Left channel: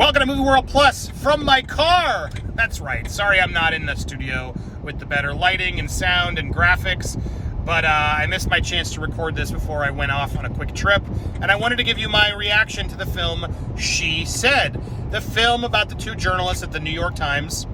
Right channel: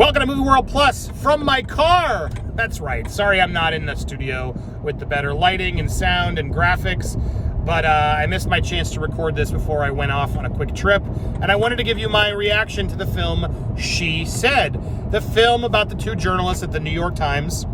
Welcome to Movie World Plus from my car. That's right. Sorry I'm not in the studio with the better lighting and sound and graphics, but I missed my chance to record this before I went off on a quick trip, and I wanted to give you my reaction to the film She Said, the film about the two journalists at the New York Times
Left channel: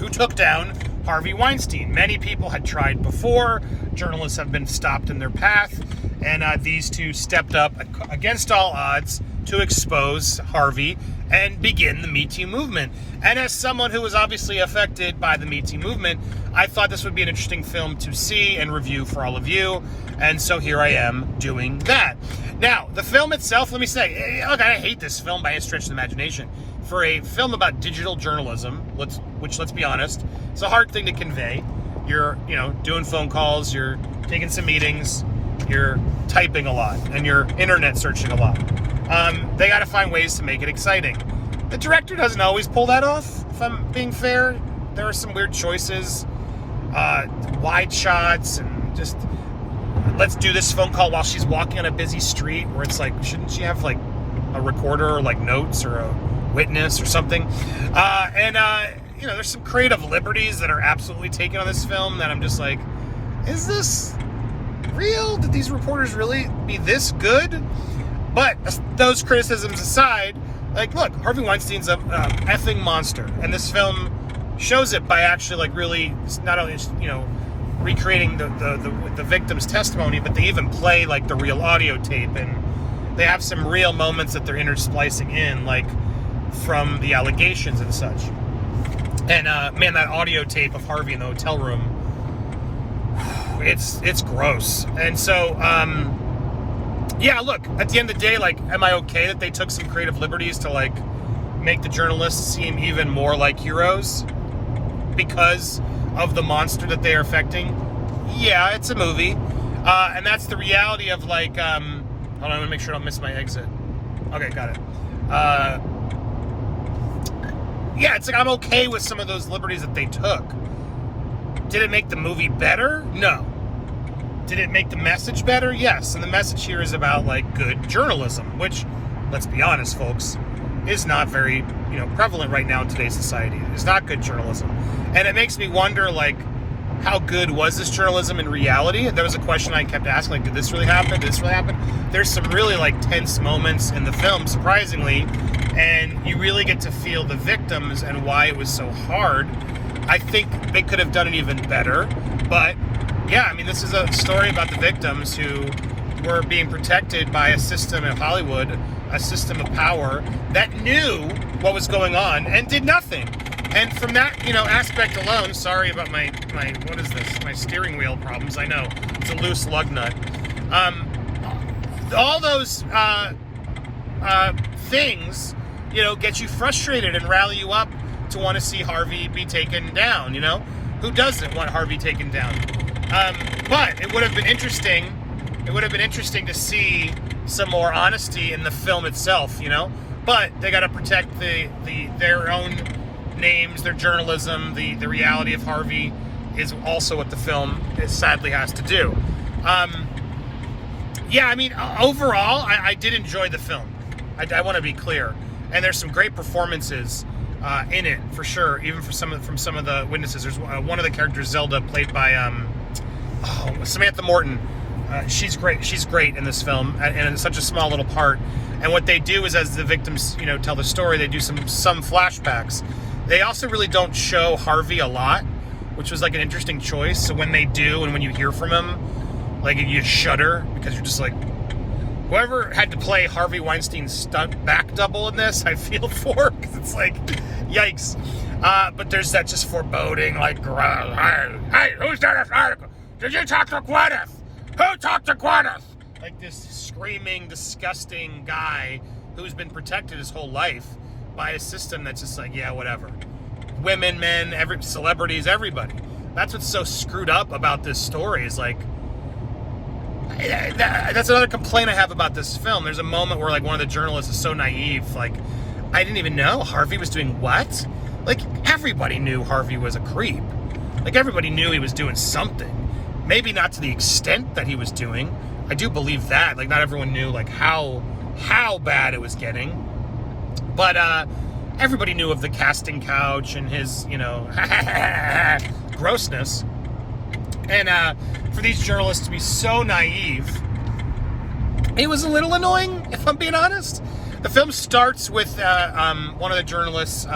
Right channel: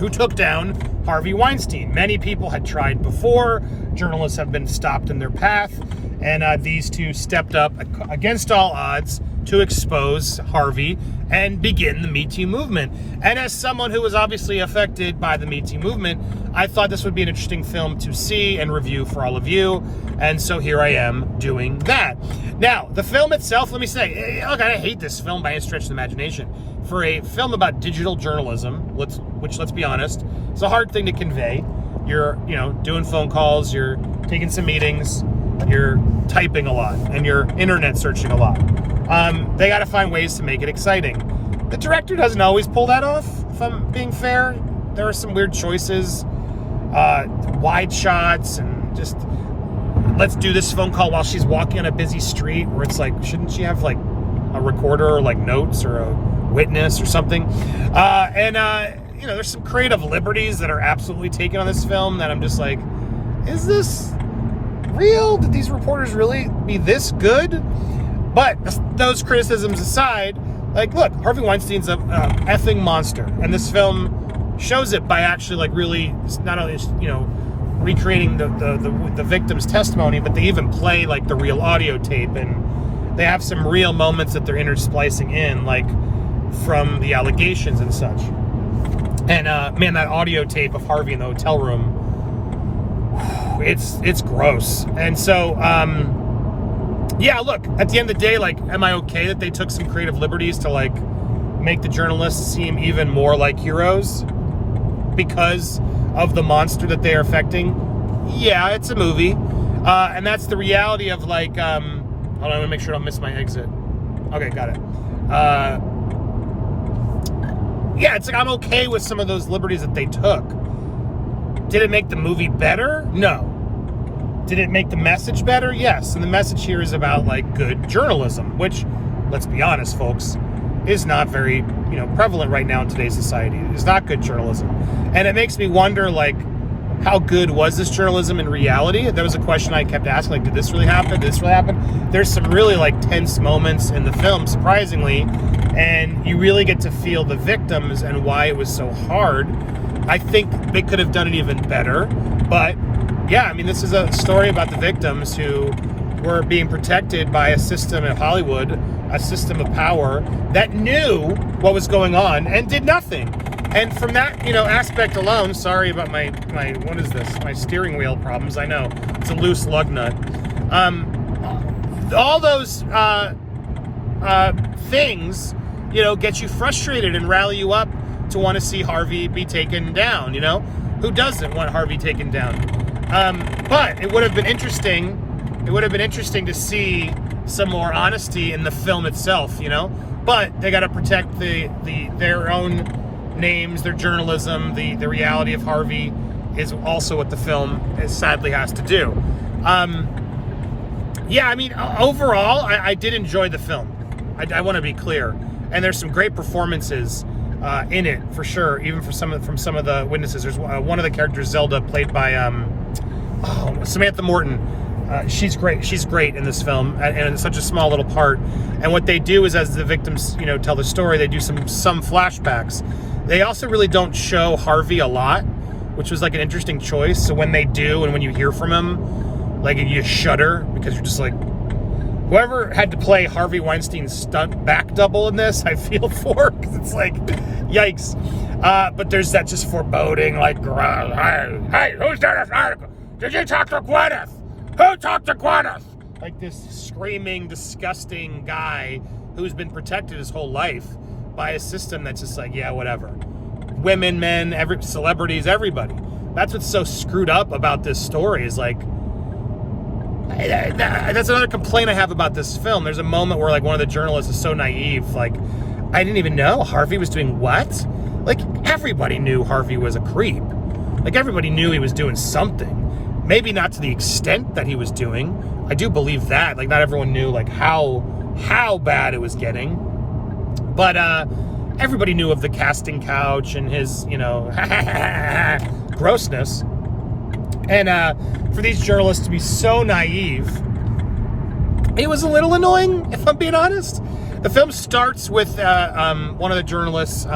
who took down Harvey Weinstein. Many people had tried before. Journalists have been stopped in their path, and these two stepped up against all odds to expose Harvey and begin the MeToo movement. And as someone who was obviously affected by the MeToo movement, I thought this would be an interesting film to see and review for all of you. And so here I am doing that. Now, the film itself, let me say, look, I hate this film by any stretch of the imagination. For a film about digital journalism, which let's be honest, it's a hard thing to convey. You're, doing phone calls, you're taking some meetings, you're typing a lot, and you're internet searching a lot. They got to find ways to make it exciting. The director doesn't always pull that off, if I'm being fair. There are some weird choices, wide shots, and just, let's do this phone call while she's walking on a busy street, where it's like, shouldn't she have like a recorder or like notes or a witness or something? There's some creative liberties that are absolutely taken on this film that I'm just like, is this real? Did these reporters really be this good? But those criticisms aside, like, look, Harvey Weinstein's a effing monster, and this film shows it by actually, like, really not only recreating the victim's testimony, but they even play like the real audio tape, and they have some real moments that they're intersplicing in, like from the allegations and such. And man, that audio tape of Harvey in the hotel room, it's gross. And so yeah, look, at the end of the day, like, am I okay that they took some creative liberties to, like, make the journalists seem even more like heroes because of the monster that they are affecting? Yeah, it's a movie. And that's the reality of, like, hold on, I want to make sure I don't miss my exit. Okay, got it. Yeah, it's like I'm okay with some of those liberties that they took. Did it make the movie better? No. Did it make the message better? Yes. And the message here is about, like, good journalism, which, let's be honest, folks, is not very, prevalent right now in today's society. It's not good journalism. And it makes me wonder, like, how good was this journalism in reality? There was a question I kept asking, like, did this really happen? Did this really happen? There's some really, like, tense moments in the film, surprisingly, and you really get to feel the victims and why it was so hard. I think they could have done it even better, but yeah, I mean, this is a story about the victims who were being protected by a system in Hollywood, a system of power that knew what was going on and did nothing. And from that, aspect alone, sorry about my what is this? My steering wheel problems. I know it's a loose lug nut. All those things, get you frustrated and rally you up to want to see Harvey be taken down. Who doesn't want Harvey taken down? But it would have been interesting. It would have been interesting to see some more honesty in the film itself, But they got to protect their own names, their journalism. The reality of Harvey is also what the film sadly has to do. Yeah, I mean, overall, I did enjoy the film. I want to be clear, and there's some great performances in it for sure. Even from some of the witnesses, there's one of the characters, Zelda, played by Samantha Morton. She's great. She's great in this film, and in such a small little part. And what they do is, as the victims, tell the story, they do some flashbacks. They also really don't show Harvey a lot, which was like an interesting choice. So when they do, and when you hear from him, like, you shudder because you're just like, whoever had to play Harvey Weinstein's stunt back double in this, I feel for, because it's like, yikes. But there's that just foreboding, like, hey, who's done this article? Did you talk to Gwyneth? Who talked to Gwyneth? Like this screaming, disgusting guy who's been protected his whole life by a system that's just like, yeah, whatever. Women, men, celebrities, everybody. That's what's so screwed up about this story, is like, that's another complaint I have about this film. There's a moment where, like, one of the journalists is so naive, like, I didn't even know Harvey was doing what? Like, everybody knew Harvey was a creep. Like, everybody knew he was doing something. Maybe not to the extent that he was doing. I do believe that. Like, not everyone knew, like, how bad it was getting. But everybody knew of the casting couch and his, grossness. And for these journalists to be so naive, it was a little annoying, if I'm being honest. The film starts with one of the journalists,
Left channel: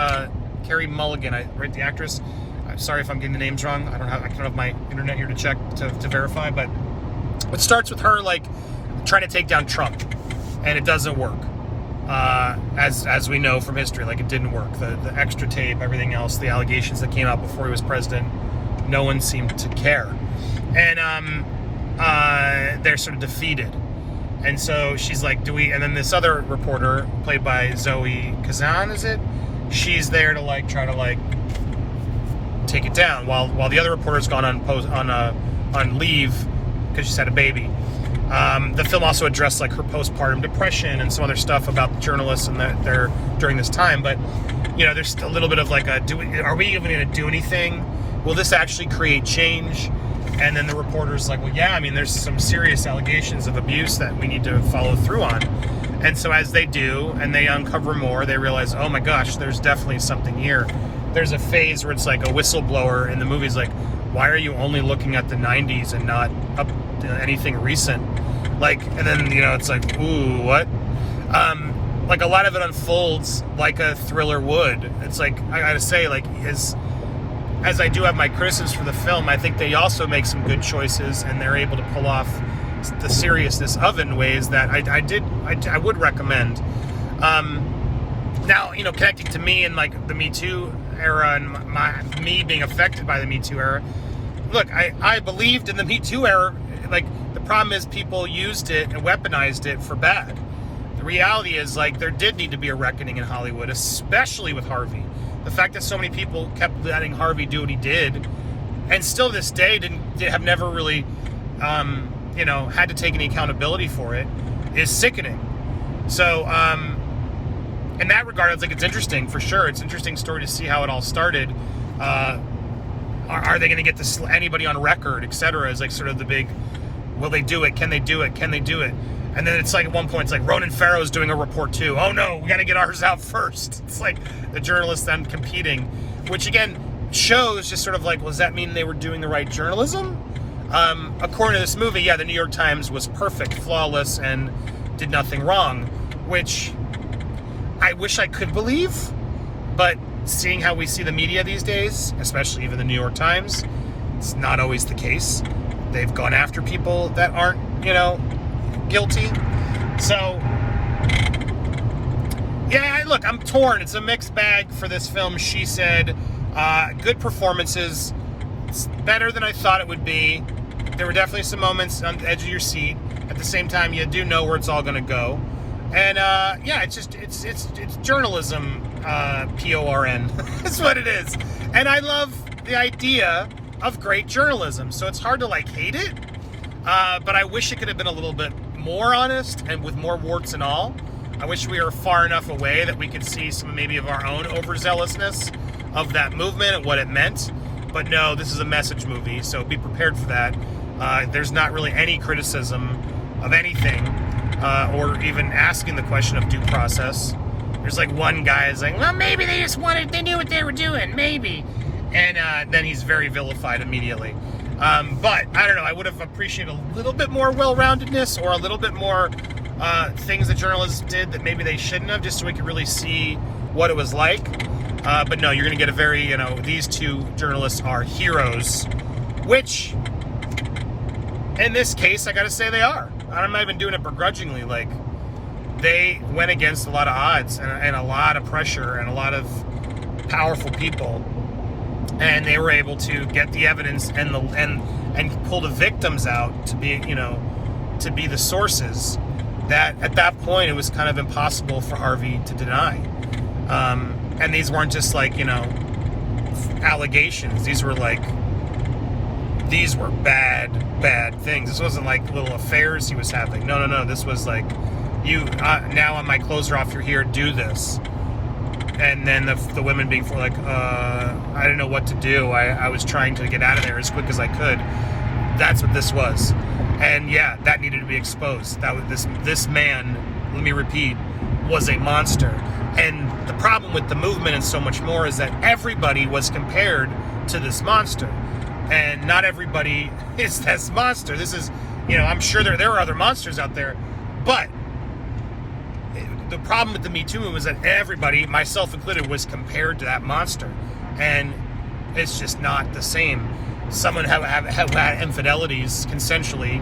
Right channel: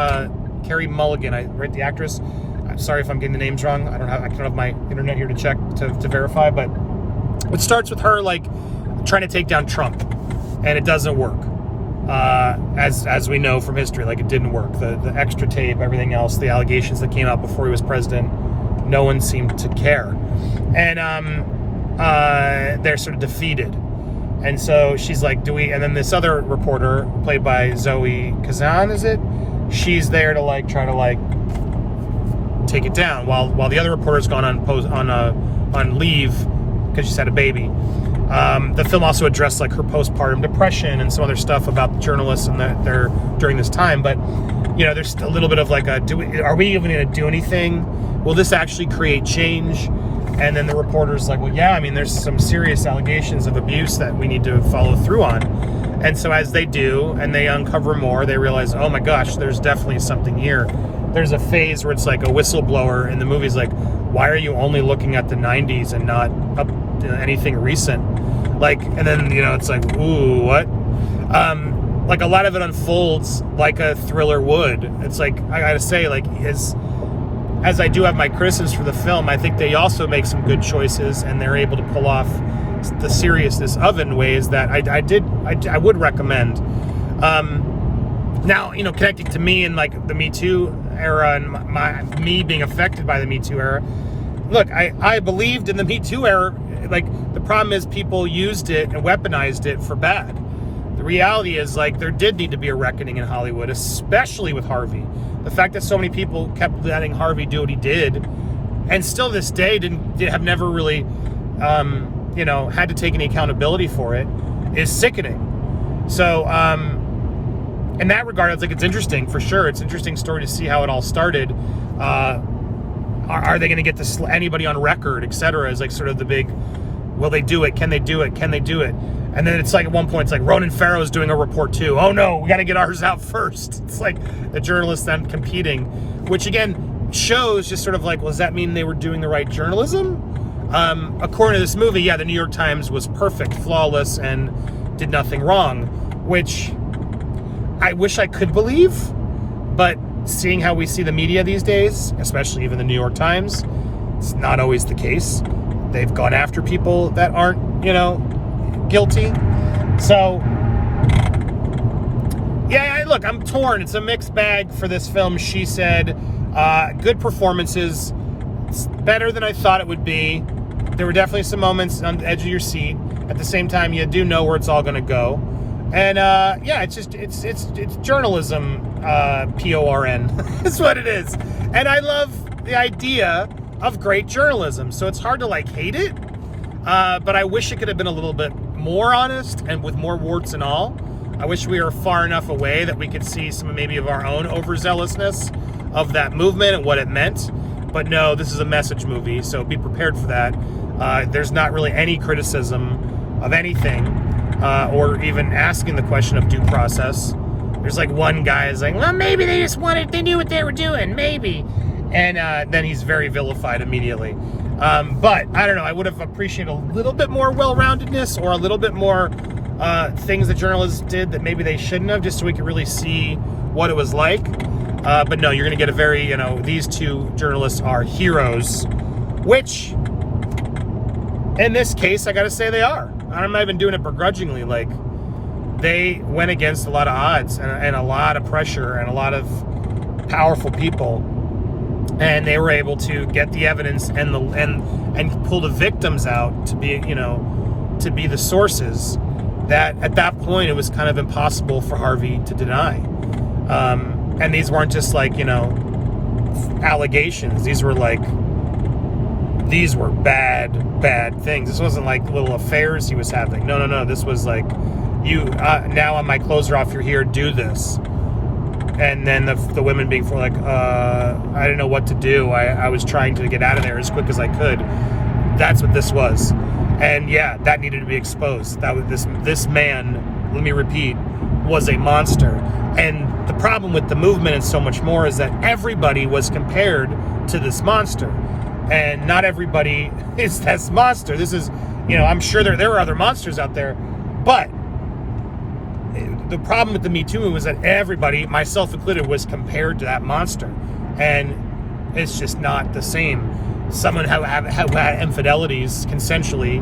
Carey Mulligan, right, the actress. I'm sorry if I'm getting the names wrong. I don't have my internet here to check to verify, but it starts with her like trying to take down Trump, and it doesn't work. As we know from history, like it didn't work. The extra tape, everything else, the allegations that came out before he was president, no one seemed to care, and they're sort of defeated. And so she's like, and then this other reporter, played by Zoe Kazan, is it? She's there to like try to like take it down while the other reporter's gone on leave because she's had a baby. The film also addressed like her postpartum depression and some other stuff about the journalists and that they're during this time. But there's a little bit of like are we even going to do anything? Will this actually create change? And then the reporter's like, well, yeah, I mean, there's some serious allegations of abuse that we need to follow through on. And so as they do, and they uncover more, they realize, oh my gosh, there's definitely something here. There's a phase where it's like a whistleblower, and the movie's like, why are you only looking at the 90s and not up to anything recent? Like, and then, it's like, ooh, what? Like a lot of it unfolds like a thriller would. It's like, I gotta say, like, as I do have my criticisms for the film, I think they also make some good choices, and they're able to pull off the seriousness of it in ways that I would recommend. Now, connecting to me and like the MeToo era and me being affected by the MeToo era. Look, I believed in the MeToo era. Like, the problem is people used it and weaponized it for bad. The reality is, like, there did need to be a reckoning in Hollywood, especially with Harvey. The fact that so many people kept letting Harvey do what he did, and still to this day have never really, had to take any accountability for it, is sickening. So, in that regard, it's interesting for sure. It's an interesting story to see how it all started. Are they going to get anybody on record, etc.? Is like sort of the big, will they do it? Can they do it? Can they do it? And then it's like at one point, it's like Ronan Farrow's doing a report too. Oh no, we got to get ours out first. It's like the journalists then competing, which again shows just sort of like, well, does that mean they were doing the right journalism? According to this movie, yeah, the New York Times was perfect, flawless, and did nothing wrong, which I wish I could believe, but seeing how we see the media these days, especially even the New York Times, it's not always the case. They've gone after people that aren't, guilty. So, yeah, look, I'm torn. It's a mixed bag for this film. She said, good performances. It's better than I thought it would be. There were definitely some moments on the edge of your seat. At the same time, you do know where it's all going to go. And, yeah, it's journalism, PORN. That's what it is. And I love the idea of great journalism. So it's hard to, hate it. But I wish it could have been a little bit more honest and with more warts and all. I wish we were far enough away that we could see some maybe of our own overzealousness of that movement and what it meant. But no, this is a message movie, so be prepared for that. There's not really any criticism of anything, or even asking the question of due process. There's one guy is like, well, maybe they knew what they were doing, maybe. And then he's very vilified immediately. But I don't know, I would have appreciated a little bit more well-roundedness or a little bit more things that journalists did that maybe they shouldn't have, just so we could really see what it was like. But no, you're going to get a very, these two journalists are heroes, which in this case, I got to say they are. I'm not even doing it begrudgingly. They went against a lot of odds and a lot of pressure and a lot of powerful people. And they were able to get the evidence and pull the victims out to be, to be the sources that at that point it was kind of impossible for Harvey to deny. And these weren't just allegations. These were bad things. This wasn't little affairs he was having. No. This was now my clothes are off, you're here, do this. And then the women being I didn't know what to do. I was trying to get out of there as quick as I could. That's what this was. And yeah, that needed to be exposed. That was this man, let me repeat, was a monster. And the problem with the movement and so much more is that everybody was compared to this monster. And not everybody is this monster. This is, I'm sure there are other monsters out there. But the problem with the Me Too movement was that everybody, myself included, was compared to that monster. And it's just not the same. Someone who had infidelities consensually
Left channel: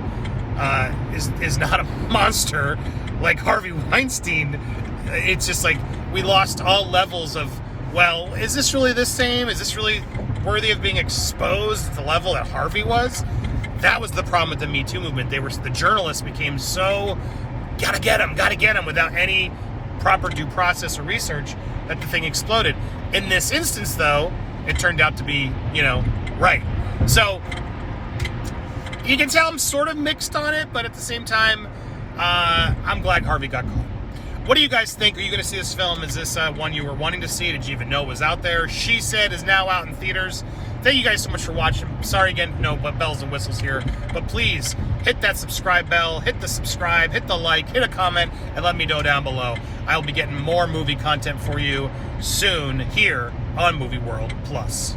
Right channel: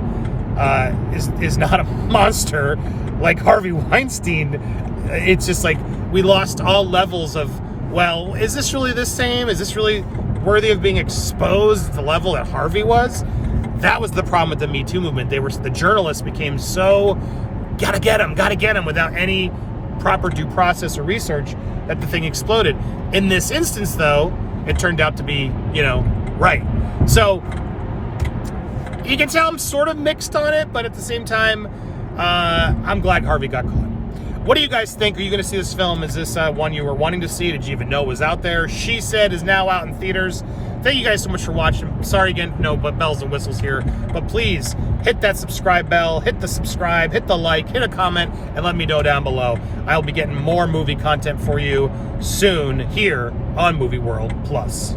is not a monster like Harvey Weinstein. It's just like we lost all levels of, well, is this really the same? Is this really worthy of being exposed at the level that Harvey was? That was the problem with the Me Too movement. The journalists became so gotta get him without any proper due process or research that the thing exploded. In this instance, though, it turned out to be, right. So you can tell I'm sort of mixed on it, but at the same time, I'm glad Harvey got caught. What do you guys think? Are you going to see this film? Is this one you were wanting to see? Did you even know it was out there? She Said is now out in theaters. Thank you guys so much for watching. Sorry again, no but bells and whistles here. But please, hit that subscribe bell, hit the subscribe, hit the like, hit a comment, and let me know down below. I'll be getting more movie content for you soon here on Movie World Plus.